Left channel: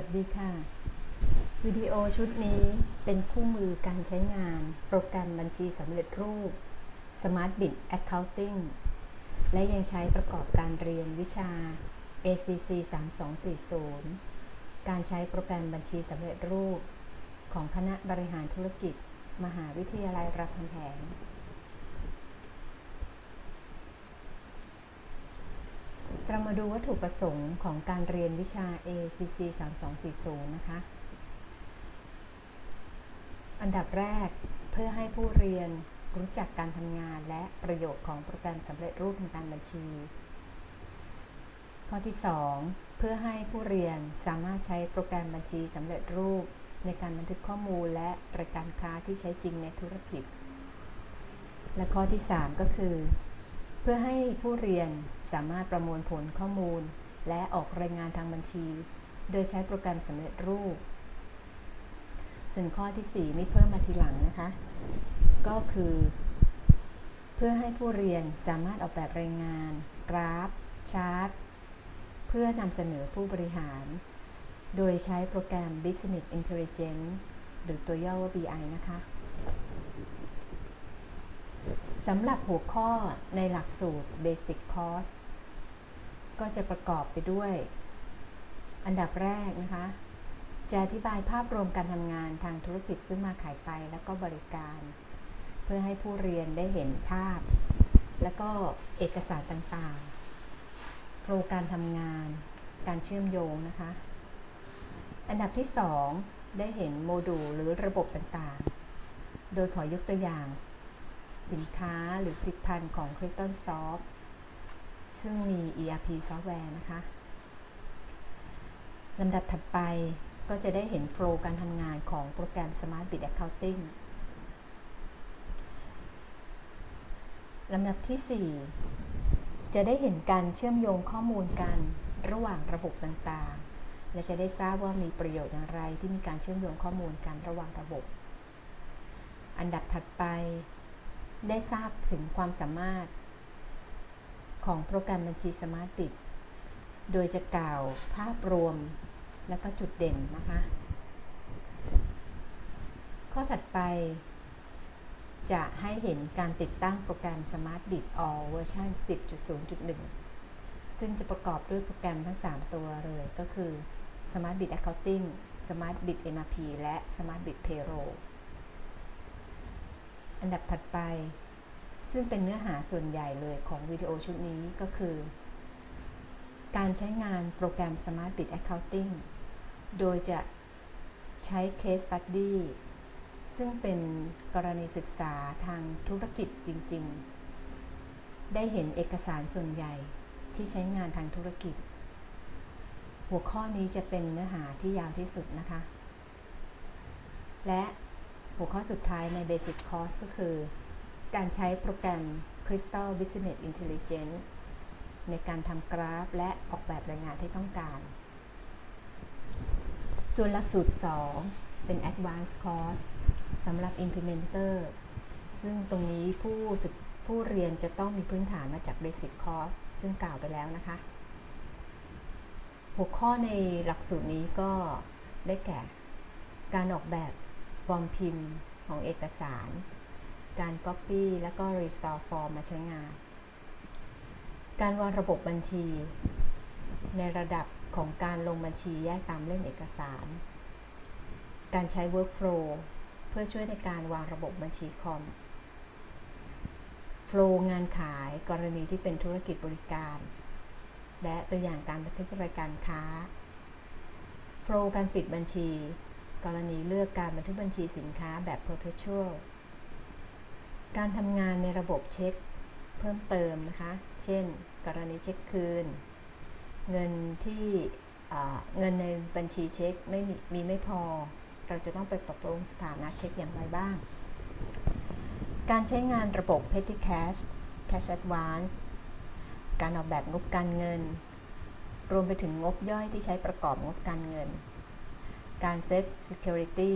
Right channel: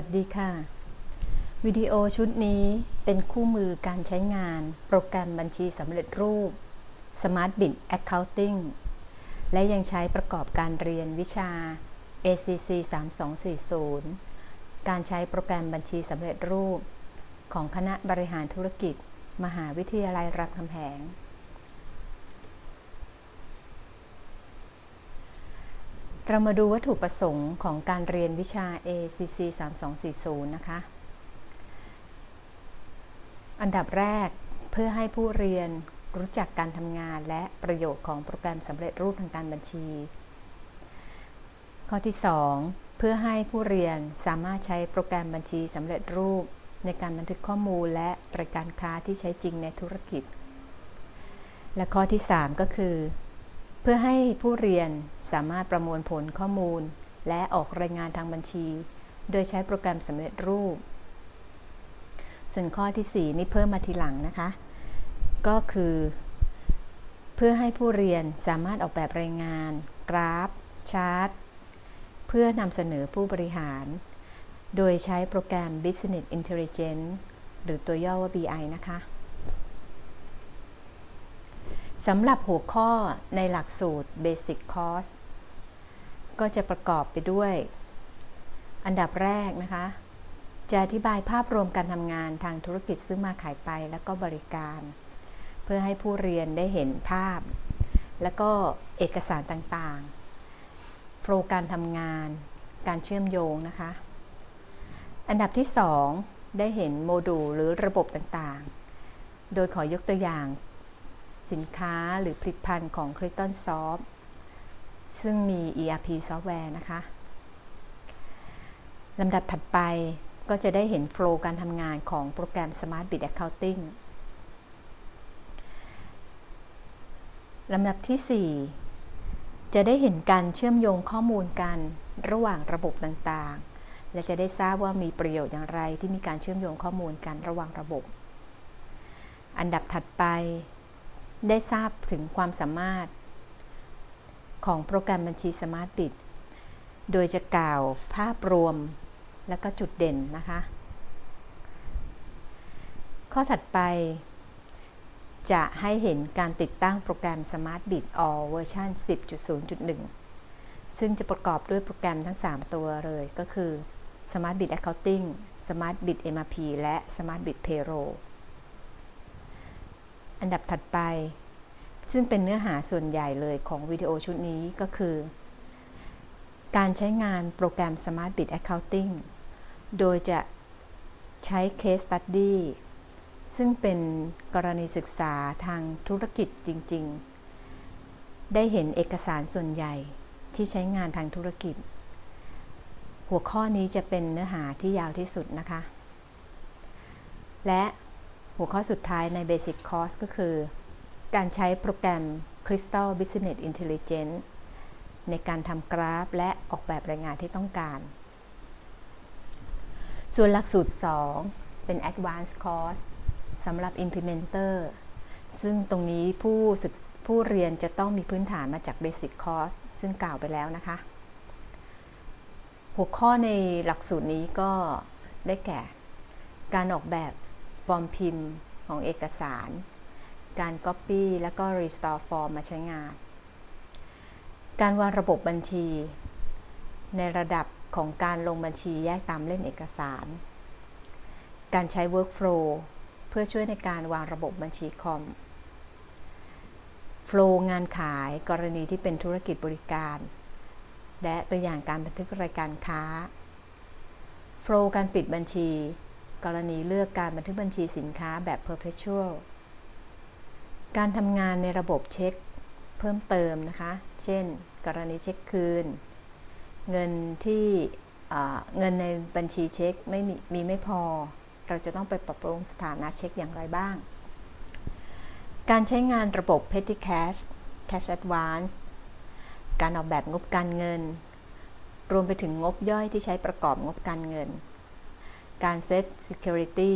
วัสดีค่ะ วิดีโอชุดนี้เป็นคู่มือการใช้งาน โปรแกรมบัญชีสำเร็จรูป Smart Bit Accounting และยังใช้ประกอบการเรียนวิชา ACC 3240 การใช้โปรแกรมบัญชีสำเร็จรูป ของคณะบริหารธุรกิจ มหาวิทยาลัยรามคำแหง เรามาดูวัตถุประสงค์ของการเรียนวิชา ACC 3240 นะคะ อันดับแรกเพื่อให้ผู้เรียนรู้จักการทำงานและประโยชน์ของโปรแกรมสำเร็จรูปทางการบัญชี ข้อที่ 2 เพื่อให้ผู้เรียนสามารถใช้โปรแกรมบัญชีสำเร็จรูป ในการบันทึกข้อมูลและรายการค้าที่ใช้จริงในธุรกิจ และข้อที่ 3 ก็คือ เพื่อให้ผู้เรียนสามารถประมวลผลข้อมูล และออกรายงานทางบัญชี โดยใช้โปรแกรมสำเร็จรูป ส่วนข้อที่ 4 นี่เพิ่มมาทีหลังนะคะ ก็คือ เพื่อให้ผู้เรียนสามารถออกแบบรายงาน กราฟ ชาร์ต เพื่อนำเสนอผู้บริหาร โดยใช้โปรแกรม Business Intelligence หรือตัวย่อว่า BI นะคะ สำหรับหัวข้อในหลักสูตร Basic Course ก็จะประกอบไปด้วย อันดับแรกนะคะ จะอธิบายภาพรวมการทำงานทางธุรกิจซื้อมาขายไปแล้วก็บริการ เพื่อให้ผู้เรียนได้เห็นภาพ แล้วก็เอกสารต่างๆ โฟล์การทำงาน การเชื่อมโยงนะคะ อันดับที่ 2 ได้เห็นโมดูลหรือระบบต่างๆ โดยขอยกตัวอย่าง สินค้าหรือผลิตภัณฑ์ของ c r y s t o n Soft ซึ่งมี ERP ซอฟต์แวร์นะคะลำดับถัดไปก็จะได้เห็นโฟล์การทำงานของโปรแกรม Smart Bit Accounting ลำดับที่ 4 จะได้เห็นการเชื่อมโยงข้อมูลกันระหว่างระบบต่างๆ และจะได้ทราบว่ามีประโยชน์อย่างไรที่มีการเชื่อมโยงข้อมูลกันระหว่างระบบ อันดับถัดไป ได้ทราบถึงความสามารถของโปรแกรมบัญชี Smart Bit โดยจะกล่าวภาพรวมและก็จุดเด่นนะคะ ข้อถัดไป จะให้เห็นการติดตั้งโปรแกรม Smart Bit All เวอร์ชัน10.0.1 ซึ่งจะประกอบด้วยโปรแกรมทั้ง 3 ตัวเลยก็คือ Smart Bit Accounting Smart Bit MRP และ Smart Bit Payroll อันดับถัดไป ซึ่งเป็นเนื้อหาส่วนใหญ่เลยของวิดีโอชุดนี้ก็คือ การใช้งานโปรแกรม Smart Bit Accounting โดยจะใช้ Case Study ซึ่งเป็นกรณีศึกษาทางธุรกิจจริง ๆ ได้เห็นเอกสารส่วนใหญ่ที่ใช้งานทางธุรกิจ หัวข้อนี้จะเป็นเนื้อหาที่ยาวที่สุดนะคะ และ หัวข้อสุดท้ายใน Basic Course ก็คือ การใช้โปรแกรม Crystal Business Intelligence ในการทำกราฟและออกแบบรายงานที่ต้องการ ส่วนหลักสูตร 2 เป็น Advanced Course สำหรับ Implementer ซึ่งตรงนี้ผู้ศึกผู้เรียนจะต้องมีพื้นฐานมาจาก Basic Course ซึ่งกล่าวไปแล้วนะคะ หัวข้อในหลักสูตรนี้ก็ได้แก่ การออกแบบ ฟอร์มพิมพ์ของเอกสาร การ Copy และก็ Restore Form มาใช้งาน การวางระบบบัญชี ในระดับของการลงบัญชีแยกตามเล่มเอกสาร การใช้ Workflow เพื่อช่วยในการวางระบบบัญชีคอม Flow งานขายกรณีที่เป็นธุรกิจบริการ และตัวอย่างการบันทึกรายการค้า Flow การปิดบัญชี กรณีเลือกการบันทึกบัญชีสินค้าแบบ perpetual การทำงานในระบบเช็คเพิ่มเติมนะคะ เช่น กรณีเช็คคืน เงินที่เงินในบัญชีเช็คไม่มีมีไม่พอ เราจะต้องไปปรับปรุงสถานะเช็คอย่างไรบ้าง การใช้งานระบบ Petty Cash Cash Advance การออกแบบงบการเงิน รวมไปถึงงบย่อยที่ใช้ประกอบงบการเงิน การเซต Security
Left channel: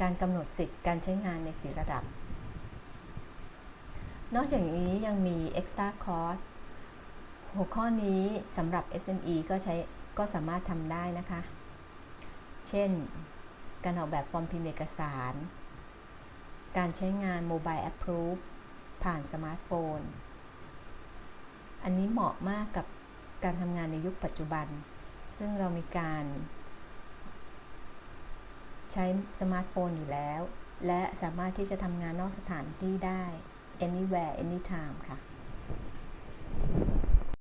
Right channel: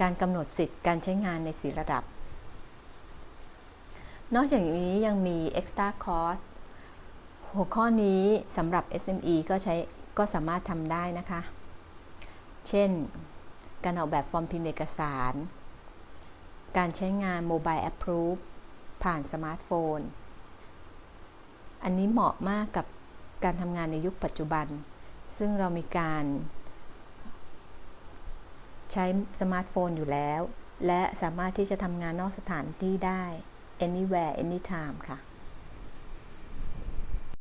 การกำหนดสิทธิ์การใช้งานในสีระดับ นอกจากนี้ยังมี Extra Cost หัวข้อนี้สำหรับ SME ก็ใช้ก็สามารถทำได้นะคะ เช่น การออกแบบฟอร์มพิมพ์เอกสาร การใช้งาน Mobile Approve ผ่านสมาร์ทโฟน อันนี้เหมาะมากกับการทำงานในยุคปัจจุบัน ซึ่งเรามีการ ใช้สมาร์ทโฟนอยู่แล้ว และสามารถที่จะทำงานนอกสถานที่ได้ anywhere anytime ค่ะ